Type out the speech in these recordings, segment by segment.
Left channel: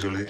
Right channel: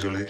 चले।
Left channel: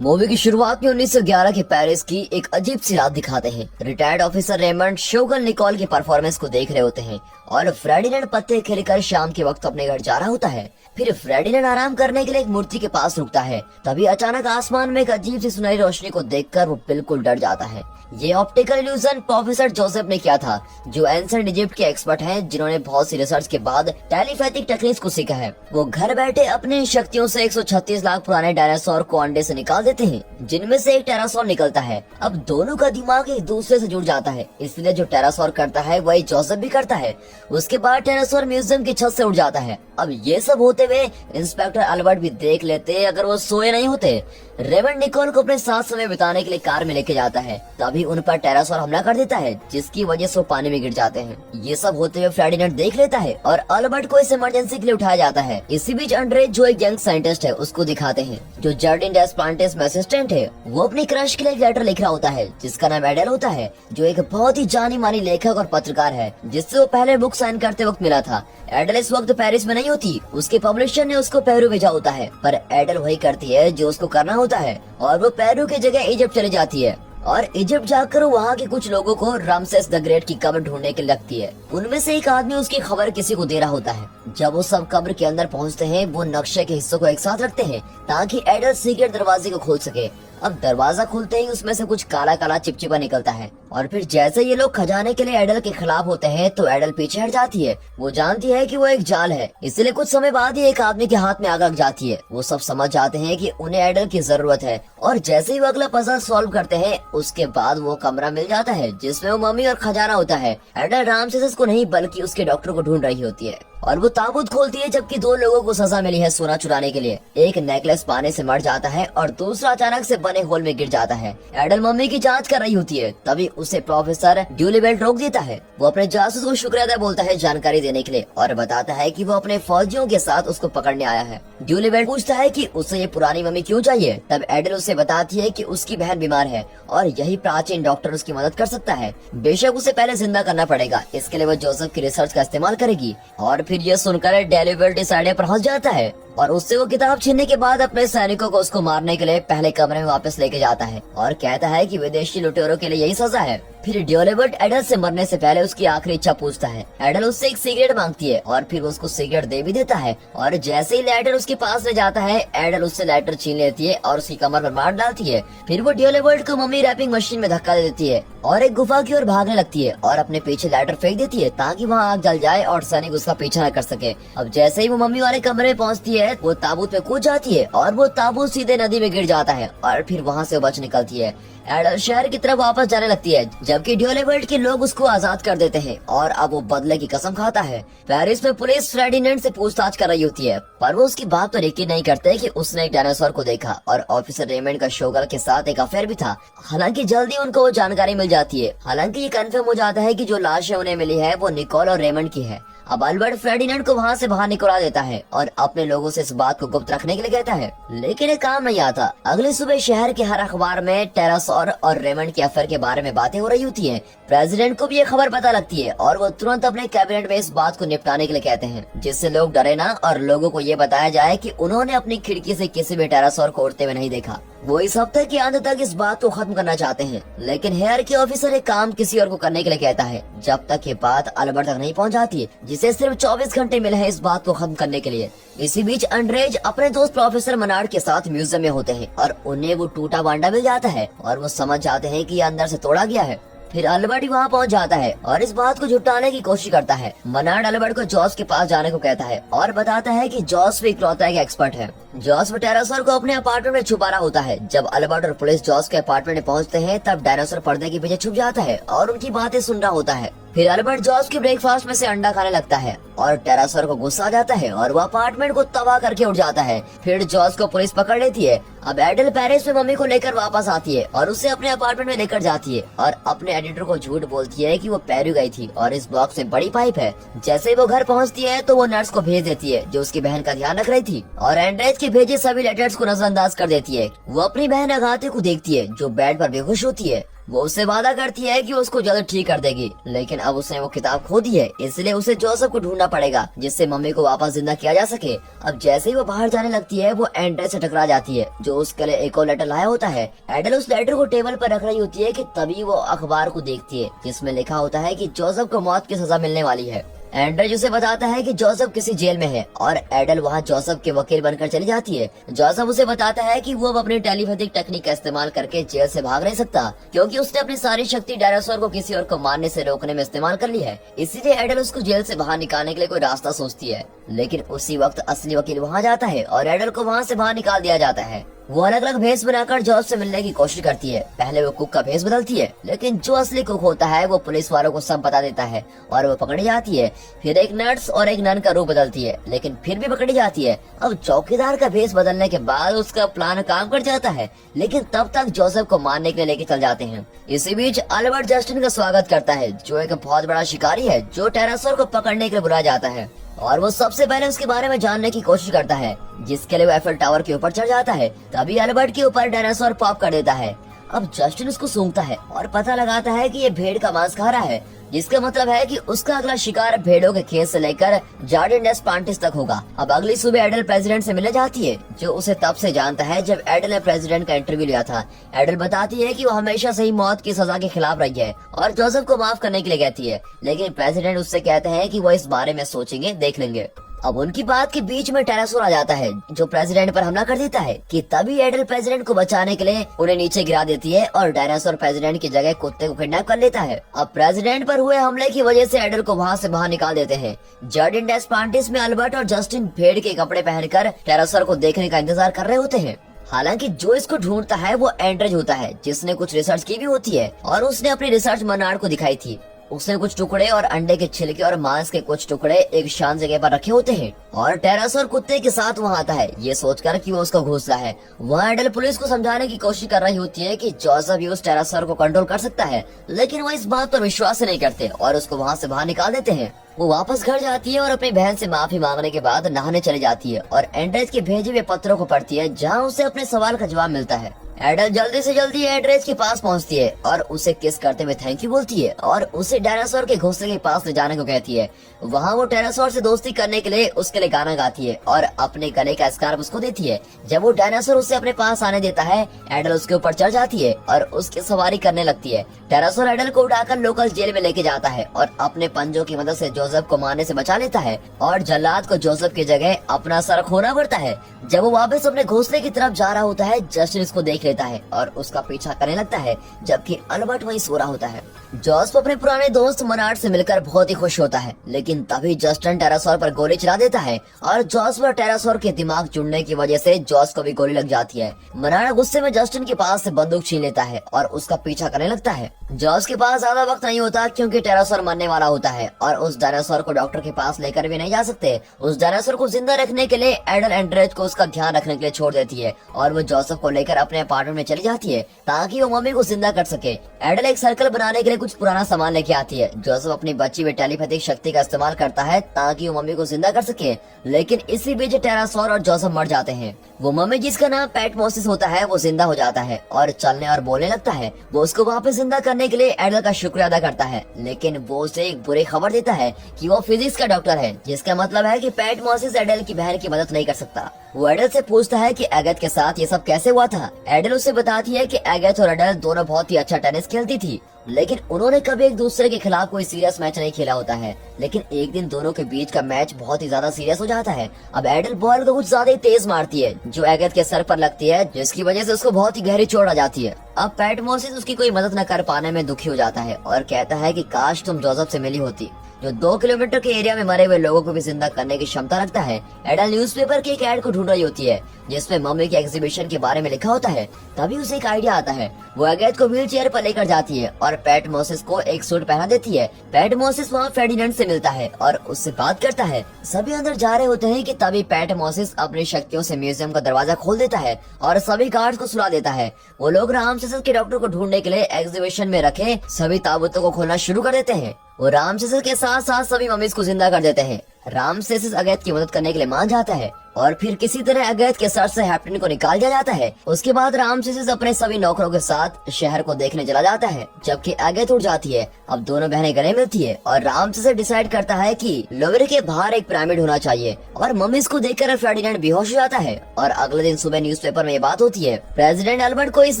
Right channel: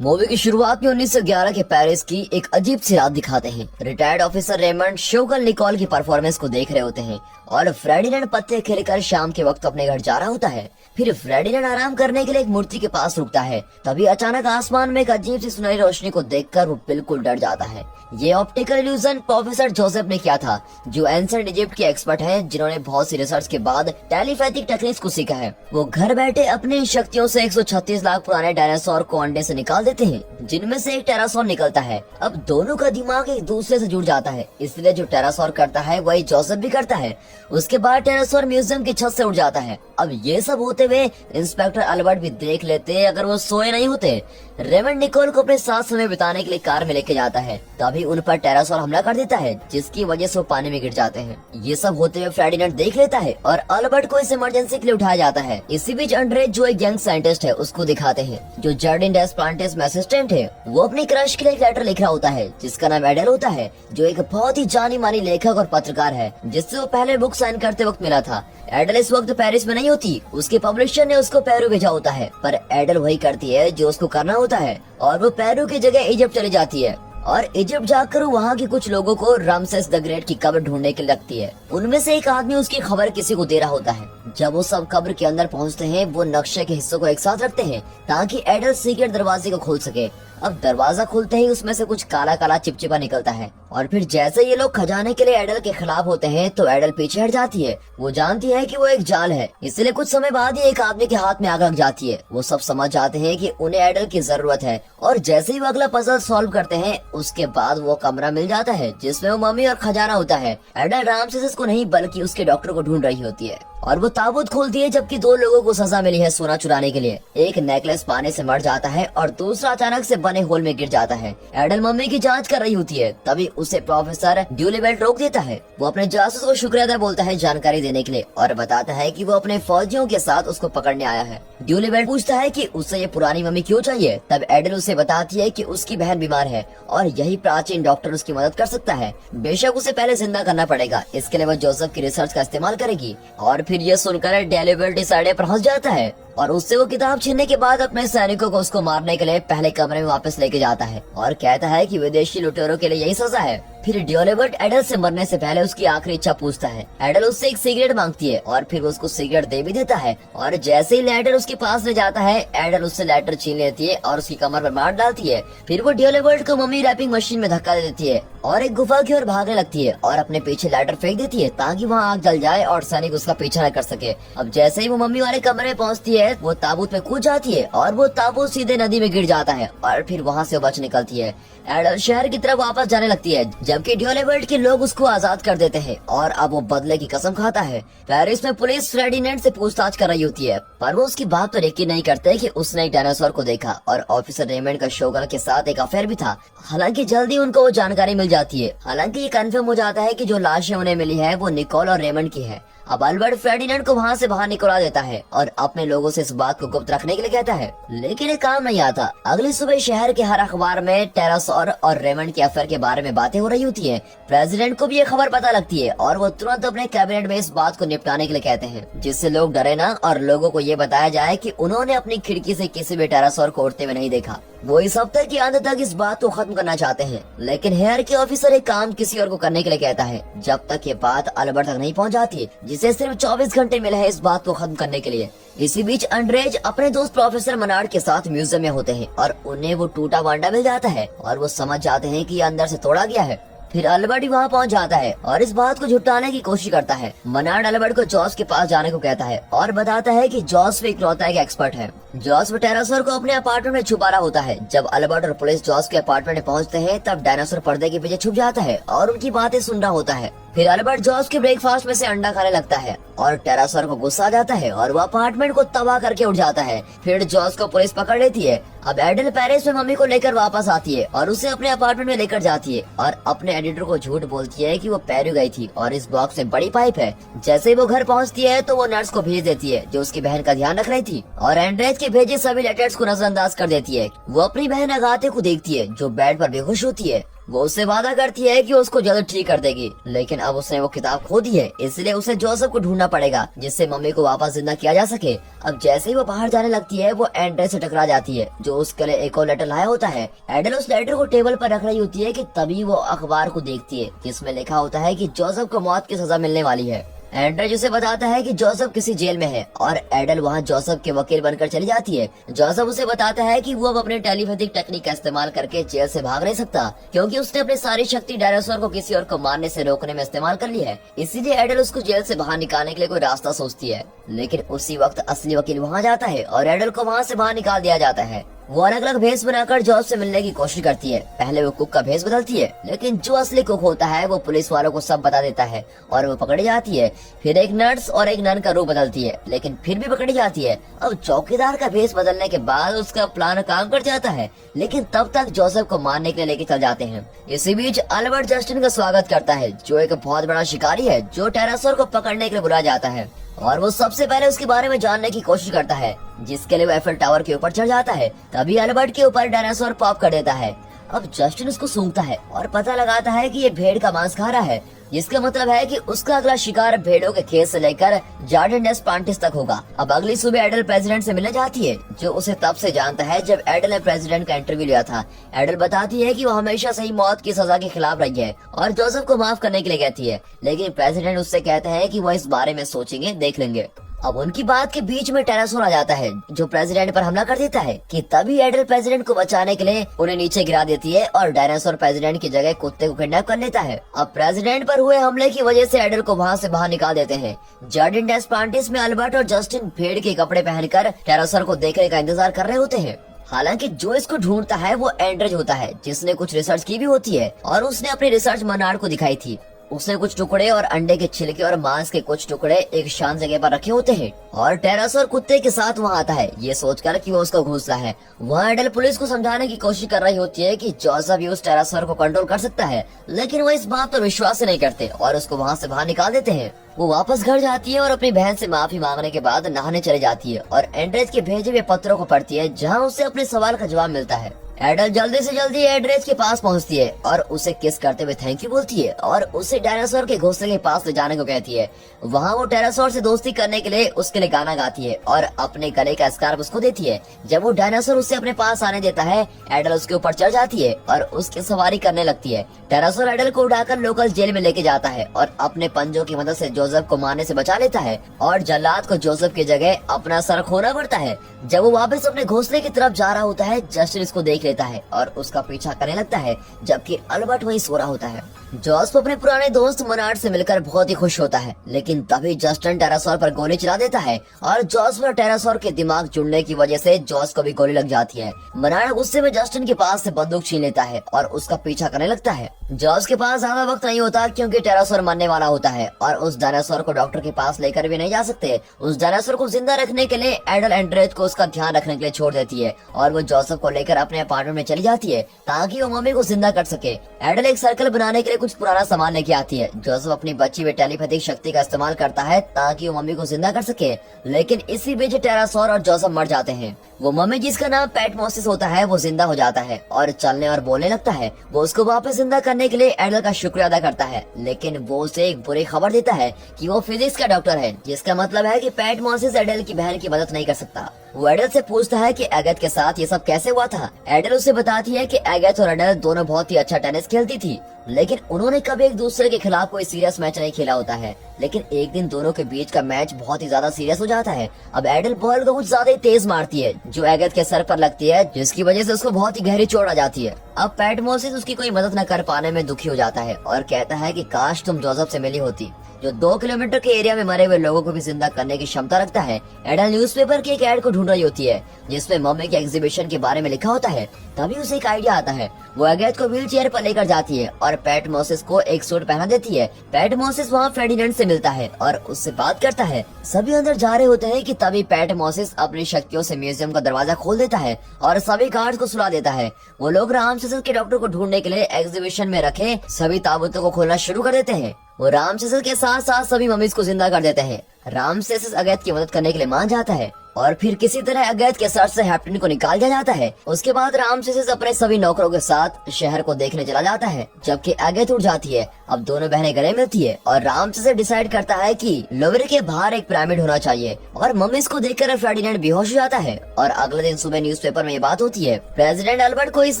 मूवी की शुरुआत में 1911 के पेरिस की एक अजीब सी रात दिखाते हैं। रिटायर्ड ऑफिसर रेमंड शोगल निकोल की परफॉर्मेंस को देख रहे होते हैं और फ्रेडिनेंड पत्ते खिलकर शाम के वक्त अपने घर जा रहा होता है। फिर फ्रेडिनेंड आराम करने के लिए एक मूर्ति के पास रुकता है। तभी अचानक आसमान में एक अजीब सी सुनहरी रोशनी को देखकर वो बिल्कुल डर जाता है। ये ऑप्टिकल इल्यूजन प्रोफेसर जोसेफ ने किया था, जो एंशिएंट इजिप्ट के एक्सपर्ट हैं, जिन्होंने बहुत सी रिसर्च के बाद टेलीपैथिक टेक्निक्स को सीखा है। वो घर बैठे अपनी शक्तियों से 136 लाख पुराने डायनासोर को अंडे से निकाल देते हैं, जिनमें से एक टेरासोर निकलता है। अब दोनों का दिमाग एक दूसरे से जुड़ जाता है, इसलिए जो टेरासोर करता है वही जोसेफ भी करता है। उसके बाद टेरासोर म्यूजियम की छत से उड़ जाता है। अब ये सब होते हुए इंस्पेक्टर अल्बर्ट भी देख लेते अगर वो सोए नहीं होते। रेमंड निकोल को अपने साथ समय बिताने के लिए कार में लेके जाता है। तभी उन पर टेरासोर हमला कर देता है, जिसकी वजह से वो पानी में गिर जाते हैं। ये सब होते हुए फ्रेडिनेंड देख लेता है और अल्बर्ट को इस इमरजेंसी के लिए उठाया जाता है। इसी बीच अंड्रेज, जो एक यंग साइंटिस्ट है, उसको दिखाते हैं, जो जर्डिन डेस प्लांटेस में असिस्टेंट है। वो अपनी क्रश के लिए एक लेटर लिख रहा होता है, जिसका नाम एडल होता है, जो एक बहुत ही जानी मानी लेखक और पत्रकार है, जिससे वो पहले बुक साइन करते वक्त मिला था। एडल इस वक्त पेरिस में नहीं होती, उसके पब्लिशर ने उसको पेरू भेजा होता है, पर एडल वही करती है जो उसको करना होता है और वो पेरू की जगह इजिप्ट चली जाती है। और इजिप्ट जाकर वहाँ के कुछ लोगों को रामसेस द ग्रेट की कब्र ढूंढने के लिए लगती है। उनमें से एक आदमी उसकी खबर किसी को दे रहा होता है। जब वो सब कब्र के अंदर पहुँचते हैं, वो नक्शे के हिस्सों को एक साथ रखते हैं ताकि एडल सीक्रेट दरवाजे को खोल सके। अब दरवाजा खुलते ही उसमें से कुछ काला काला चिपचिपा निकलता है और फिर जैसे ये लोग खजाने के लिए एडल के खिलाफ होते हैं तो एडल पीछे हट जाती है। वो जानती है कि वो एक जाल है, इसलिए कुछ समय बाद ही एक आदमी के हाथ में आग लग जाती है। वो सब समझ जाते हैं कि उन्हें एडल की जरूरत है और जैसे ही वो अगला पजल सॉल्व करते हैं, उसके बाद वो कमरा मिल जाता है जिसमें वो मम्मी और खजाना होता है। एडल रामसेस को नहीं बल्कि उसके डॉक्टर को ढूंढ रही होती है और वो ताबूत खोलती है, जबकि दो लोगों को सजा मिली है सोना चुराने के लिए। एक नेकलेस पाने से मर जाता है और दूसरा अचानक से बने होल में गिर जाता है। एडल मम्मी की जांच कर रही होती है, तभी उसे प्रोफेसर ड्यूलिबेल्ट रोक देता है। वो अपने जासूस को शुक्रिया अदा बोलता है जानकारी देने के लिए और बताता है कि वो अपने फौजियों के साथ उसको पकड़ने आया है। ड्यूलिबेल्ट पूछता है कि उसे ये पुरानी मम्मी क्यों चाहिए। तब एडल उसे बताती है कि उसकी बहन बीमार है और यही प्राचीन डॉक्टर उसकी मदद कर सकता है। बेशक उसे पहले जिंदा करना पड़ेगा, इसके लिए वो जोसेफ की रिसर्च का इस्तेमाल करेगी। और फिर ये सुनकर ड्यूलिबेल्ट इस आइडिया पर हंस जाता है और उससे वो किताब छीनने के बाद अपने सैनिकों को उसको मारने के लिए पहले कमरे में वापस लेके जाता है और कहता है कि विदेशी लुटेरों के लिए यही सजा है। फिर ड्यूलिबर्ट एडल से मरने से पहले उसकी आखिरी इच्छा पूछता है। एडल उससे एक सिगरेट मांगती है और फिर उसको सिगरेट दे भी देता है और जैसे ही लेटर उसके पास ले जाता है, एडल उससे लेटर छीन लेती है और उसकी कमर पर मार डालती है। फिर वो ड्यूलिबर्ट को मम्मी रैपिंग मशीन में धक्का दे देती है और एक गुफा की ओर भागने लगती है और अपने पीछे लेटर फेंक देती है ताकि वहाँ आग जल जाए और सैनिक उसका पीछा न कर सके। अब जैसे ही वो मम्मी वाले कमरे में पहुँचती है, वो ताबूत में कूद जाती है और वो ताबूत सीधे नदी में गिर जाता है और फिर वहाँ से बच निकलती है। एडल शहर की तरफ वापस जाने लगती है, जबकि ड्यूलिबर्ट के लोग उसको आजाद कर देते हैं और अब वो बदले की कसम खाता है। पेरिस में पुलिस फ्रेडिनेंड से पूछताछ कर रही होती है, पर वो उसकी बात पर यकीन नहीं करते कि उसने एक डायनासोर को देखा और ऑफिसर रेमंड का शोगल के साथ एक अफेयर भी था। हालांकि जल्दी उनको वो जानकारी मिल जाती है। हालांकि ये कंफर्म हो जाता है कि जो लाशें उन्हें मिली है वो निकोल और रेमंड की है। अब अल्बर्ट फ्रेडिनेंड को वहाँ से बाहर निकलवा देता है और अपने लोगों से इस बात को गुप्त रखने के लिए कहता है, लेकिन ये काम नहीं आता। अगली सुबह शहर के हर अखबार में टेरासोर और रेमंड के अफेयर के बारे में बातें हो रही होती है। प्रेसिडेंट को भी ये खबर पता लगती है और वो तुरंत अपने कैबिनेट में इस बात को निपटाने के लिए कहते हैं, जिससे लोग डरे ना और लोगों को ये बताया जाए कि उन्होंने अपनी खिड़की से किसी भी टेरासोर को उड़ते हुए नहीं देखा। वो इस हफ्ते के अंत तक इस बात को खत्म करना चाहते हैं, लेकिन हेयर के ऑफिसर एक काम किसी और को करने के लिए कहता है, जब तक ये बात अल्बर्ट तक नहीं पहुंच जाती, जिसे सिर्फ 24 घंटे मिले हैं इस बात को खत्म करने के लिए। इसी बीच अंड्रेज अपने दोस्त प्रोफेसर मनार्ड के साथ म्यूजियम में होते हैं और उन्हें वो टूटा भांडा मिल जाता है और वो समझ जाते हैं कि ये अंदर से तोड़ा गया है। फिर अल्बर्ट वहाँ पहुँच जाता है और इस बात को झुटाने की कोशिश करता है। मनार्ड अल्बर्ट को जॉस के पास जाने को कहता है और बताता है कि जॉस भी इकलौता एक एक्सपर्ट है। जॉस टेरासोर को अपने अपार्टमेंट में छुपा रहा होता है। जब अल्बर्ट और पुलिस जॉस के अपार्टमेंट में पहुँचते हैं, तब डायनासोर पर्दे के पीछे छुप जाता है और उनकी बातें सुन रहा होता है। फिर अल्बर्ट जॉस के ब्रेकफास्ट में से अंडा खाने लगता है और टेरासोर को गुस्सा आ जाता है और वो अपार्टमेंट को तबाह करके उड़ जाता है। फिर जॉस को पुलिस पकड़ लेती है। अब एडल पेरिस में मम्मी को लेकर वापस आती है और उसे अपने अपार्टमेंट में लेकर जाती है और अपने एडिटर को झूठ बोलती है कि वो पेरू गई थी और इस बॉक्स में बड़ी पाइप है। जैसे ही वो घर पहुंचती है तो वो नर्स को भेज देती है, जो उसकी बहन का ध्यान रख रही थी, और एंड्रेज के भेजे सभी लेटर्स को नजरअंदाज कर देती है। वो अपनी बहन अगाथे को देखती है, जो बेड पर बेहोश होती है। वो उससे वादा करती है कि उसको जल्द ठीक कर देगी, लेकिन अब उसने वो किताब खो दी है, इसलिए उसे जोसेफ को ढूंढना पड़ेगा जिससे मम्मी को वापस जिंदा किया जा सके। अब जैसे ही वो बाहर जाने लगती है वो एंड्रे से टकरा जाती है जो उसके लिए एक और लेटर लाया होता है। एडल उस लेटर को टेबल पर रख रही होती है कि तभी वो अखबार को देखती है जिसमें लिखा होता है कि जोसेफ को मौत की सजा मिलने वाली है। एंड्रे उसे बताता है कि जोसेफ किसी जेल में है और एडल वहाँ जोसेफ के वकील बनकर चली जाती है। जोसेफ उसे बताता है कि वो अब अपने टेलीपैथिक टेक्निक का इस्तेमाल करके जेल से भाग नहीं सकता क्योंकि उसने अपनी सारी शक्ति डायनासोर को किसी और को मारने से रोकने में इस्तेमाल कर ली है। इसीलिए एडल उसको जेल से बाहर निकालने के लिए कोई रास्ता सोचती है, लेकिन उसी वक्त असली वकील वहाँ जाता है और एडल को वहाँ से बाहर निकाल दिया जाता है। वो अलग अलग भेष बनाकर जॉर्ज से मिलने की कोशिश करती है। पहले वो कुक का भेष बदलती है, लेकिन जो असली कुक होता है वो पुलिस वालों को सब बता देता है और वो पकड़ी जाती है। फिर एक नर्स और एक नन का रूप बदलती है, लेकिन फिर भी पकड़ी जाती है। अब चौकीदार का भेष बदलने के बाद उसका प्लान काम कर जाता है, लेकिन तब तक जोसेफ को मारने के लिए लेके चल जाते हैं। इसी बीच अल्बर्ट जस्टिन का स्वागत करता है जो एक बहुत बड़ा शिकारी है जो टेरासोर को पकड़ने के लिए बुलाया जाता है और वो सबसे पहले उसके बारे में जानने की कोशिश करता है, जिसके लिए वो एफएल टावर के ऊपर चढ़ जाता है। तभी अल्बर्ट के ऊपर डायनासोर पॉप कर देता है। अब जस्टिन उसको सूंघता है और पता लगाता है कि ये भेड़ का मांस खा रहा है, जिसका मतलब है कि उसका अगला शिकार भेड़ों के खेत से लेकर जार्डिन डेस प्लांटिस तक होगा। अब अगली सुबह एडल प्रेसिडेंट से मिलने जाती है जो उसे तब से जानता है जब एडल ने प्रेसिडेंट का इंटरव्यू लिया था। एडल बताती है कि वो हमेशा से ही मौत की सजा के खिलाफ रही है और जोसेफ को माफ करने के लिए कहती है, लेकिन प्रेसिडेंट उससे कहता है कि वो इस बारे में सोचेंगे, देख लेंगे। अब उनकी बात के बीच में टेरासोर आ जाता है जो प्रेसिडेंट पर हमला कर देता है कि तभी एडल प्रेसिडेंट को बचाने के लिए उन्हें नीचे गिरा देती है और डायनासोर प्रेसिडेंट की जगह कुत्ते को किडनैप कर लेता है। अब प्रेसिडेंट पर हुए हमले की वजह से एडल को वहाँ से बाहर निकाल देते हैं। जार्डिन डेस प्लांटिस में अल्बर्ट और जस्टिन भेड़ के कपड़े पहनकर टेरासोर को देखने का इंतजार कर रहे होते हैं। हालांकि जो इसको ढूंढता है वो एंड्रेज होता है जिसने कुछ रिसर्च की भी होती है और उसने अपनी रिसर्च मनार्ड को दिखाई थी। उसने कुछ टुकड़े और अंडे के छिलके और मांस के कुछ टुकड़े एक शांत जगह पर रखे होते हैं और टेरासोर कुत्ते के साथ वहाँ आता है ये सोचकर कि वो उसको घूसता है। वहाँ एडल पुलिस को समझाने की कोशिश कर रही होती है कि जोसेफ भी उस टेरासोर को कंट्रोल कर सकता है, लेकिन वो इस बात पर विश्वास ही नहीं करते और उसको वहाँ से बाहर निकाल देते हैं। वो वापस घर जाती है और अपनी बहन से माफी मांगने के बाद नहाने चली जाती है और एंड्रेज के भेजे हुए पत्रों को पढ़ती है जहाँ उसे अपने सवाल का जवाब मिलता है। एडल जल्दी से जल्दी एंड्रेज के पास पहुंचती है और उसे किस करते हुए थैंक यू बोलती है और उसे डायनासोर के घोंसले के पास ले जाने को कहती है। वहाँ वो डायनासोर से दोस्ती करने के लिए उसके लिए गाना गाती है और अपने गले का स्कार्फ उसको देती है। जब वो डायनासोर उसे अपने पास आने देता है एडल उसके ऊपर चढ़ जाती है और उसकी सवारी करने लगती है। डायनासोर एडल को उठाकर लोकल जेल में लेके जाता है और अपने पंजों की मदद से जोसेफ को मारने से बचा लेता है और जल्लाद को जोसेफ की जगह अपना सर खोना पड़ता है। जब वो वापस अपने घोंसले की तरफ जा रहा होता है जस्टिन इसको देख लेता है और उसका पीछा करने लगता है जबकि अल्बर्ट वहीं सो रहा होता है। जोसेफ अपने पुराने दोस्त मनार्ड से मिलकर बहुत ही खुश होता है, लेकिन तभी जस्टिन टेरासोर पर गोली चला देता है और जोसेफ और टेरासोर के दिमाग जुड़ने की वजह से जोस को भी गोली लग जाती है। मनार्ड गुस्से में जस्टिन के पास से बंदूक छीन लेता है और उसका पीछा करने लगता है। जोस के पास ज्यादा वक्त नहीं होता क्योंकि टेरासोर मरने वाला होता है और उस डायनासोर को डॉक्टर के पास लेकर भी नहीं जा सकते। उस डायनासोर को जिंदा रखने के लिए एडल एंड्रेज को उसका ध्यान रखने के लिए छोड़ देती है और वो जोसेफ को लेकर अपने अपार्टमेंट में चली जाती है ताकि वो मम्मी को जिंदा कर सके। एडल एक सर्कल बनाने के लिए कुछ पुराना सामान लेके आती है। जोसेफ अपनी बची हुई टेलीपैथिक शक्ति का इस्तेमाल करता है ताकि वो मम्मी को जिंदा कर सके, लेकिन इसी बीच टेरासोर और जोसेफ मर जाते हैं। वो मम्मी जिसका नाम पैटमोसिस होता है वो जिंदा हो जाता है और चलने और बोलने लगता है। वो उसको वापस जिंदा करने के लिए एडल का शुक्रिया अदा करता है, लेकिन वो उसे एक बुरी खबर देता है कि वो फिजिक्स का डॉक्टर है, जिसका मतलब है कि पैटमोसिस एडल की बहन की मदद नहीं कर सकता। वो एडल से पूछता है कि एगेथ के साथ ये सब कैसे हुआ था। एडल उसे बताती है कि एगेथ और एडल दोनों बहुत ही अच्छा टेनिस खेलती थी, लेकिन उन्होंने कभी एक दूसरे के खिलाफ कोई सीरियस मैच नहीं खेला होता है। लेकिन एक दिन दोनों के बीच का मैच बहुत ही ज्यादा सीरियस हो जाता है। अब एडल बॉल को कुछ ज्यादा ही तेज मारती है जो एगेथ के सर पर लगती है, जिसकी वजह से उसको बहुत ही गहरी चोट आ जाती है। अब पैटमोसिस उसकी कोई मदद न कर पाने में दुखी हो जाता है और कहता है कि काश तुम जोसेफ से मिली होती, जो 2 किलोमीटर के एरिया में मरे हुए लोगों को भी जिंदा करने की क्षमता रखता है। एडल न्यूज़पेपर के एक एड को ढूंढ रही होती है जिसमें मम्मी के एग्जीबिशन के बारे में लिखा होता है। तभी उसे एक आइडिया आता है। वो एगेथ को व्हील चेयर पर लेकर जाती है और पैटमोसिस को एक सूट पहना देती है। पैटमोसिस वहाँ फेर्डिनेंड से मिलता है और उससे बात करता है। सभी अंदर जा रहे होते हैं कि तभी पैटमोसिस अपनी शक्तियों से म्यूजियम का दरवाजा खोल देता है और सभी गार्ड्स को सुला देता है। वो लोग रामसेस के डॉक्टर को ढूंढने के लिए एग्जीबिशन में रखे सभी ताबूतों को खोलना शुरू कर देते हैं। वो रामसेस के साथ साथ सभी मम्मीज को जिंदा कर देते हैं। रामसेस एगेथ की मदद करने के लिए मान जाता है। और फिर किसी तरह अगैत के सर से हैप्टन को निकाल दिया जाता है। उसके बाद रामसेस अपने सभी नौकरों के साथ शहर को देखने चला जाता है, जबकि अगैत उठ जाती है। अब दोनों बहनें गले मिलती है और रामसेस डिसाइड करता है कि लोवेरे के बाहर एक पिरामिड होना चाहिए और मम्मीज को देखकर फेर्डिनेंड बेहोश हो जाता है। और अगले दिन सुबह न्यूज़पेपर में ये बात होती है। प्रेसिडेंट अल्बर्ट को इस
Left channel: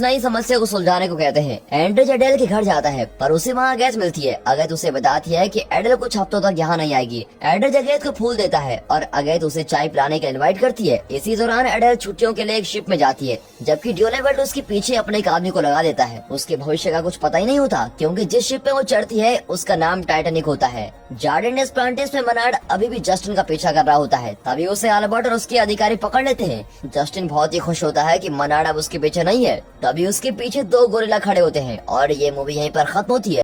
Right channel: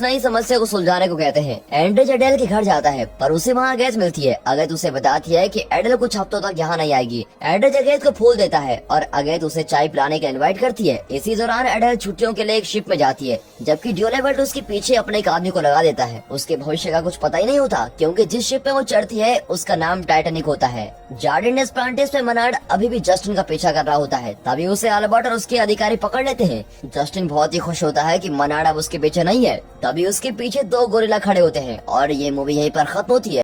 नई समस्या को सुलझाने को कहते हैं। एंड्रेज एडेल के घर जाता है पर उसे वहाँ अगैत मिलती है। अगैत उसे बताती है कि एडेल कुछ हफ्तों तक यहाँ नहीं आएगी। एड्रेज अगैत को फूल देता है और अगैत उसे चाय पिलाने का इनवाइट करती है। इसी दौरान एडेल छुट्टियों के लिए एक शिप में जाती है, जबकि ड्यूलेवेल्ट उसके पीछे अपने एक आदमी को लगा देता है। उसके भविष्य का कुछ पता ही नहीं होता, क्योंकि जिस शिप में वो चढ़ती है उसका नाम टाइटैनिक होता है। जार्डिन डेस्प्लांटिस में मनार्ड अभी भी जस्टिन का पीछा कर रहा होता है। तभी उसे अल्बर्ट और उसके अधिकारी पकड़ लेते हैं। जस्टिन बहुत ही खुश होता है कि मनार्ड अब उसके पीछे नहीं है। तभी उसके पीछे दो गोरिल्ला खड़े होते हैं और ये मूवी यहीं पर खत्म होती है।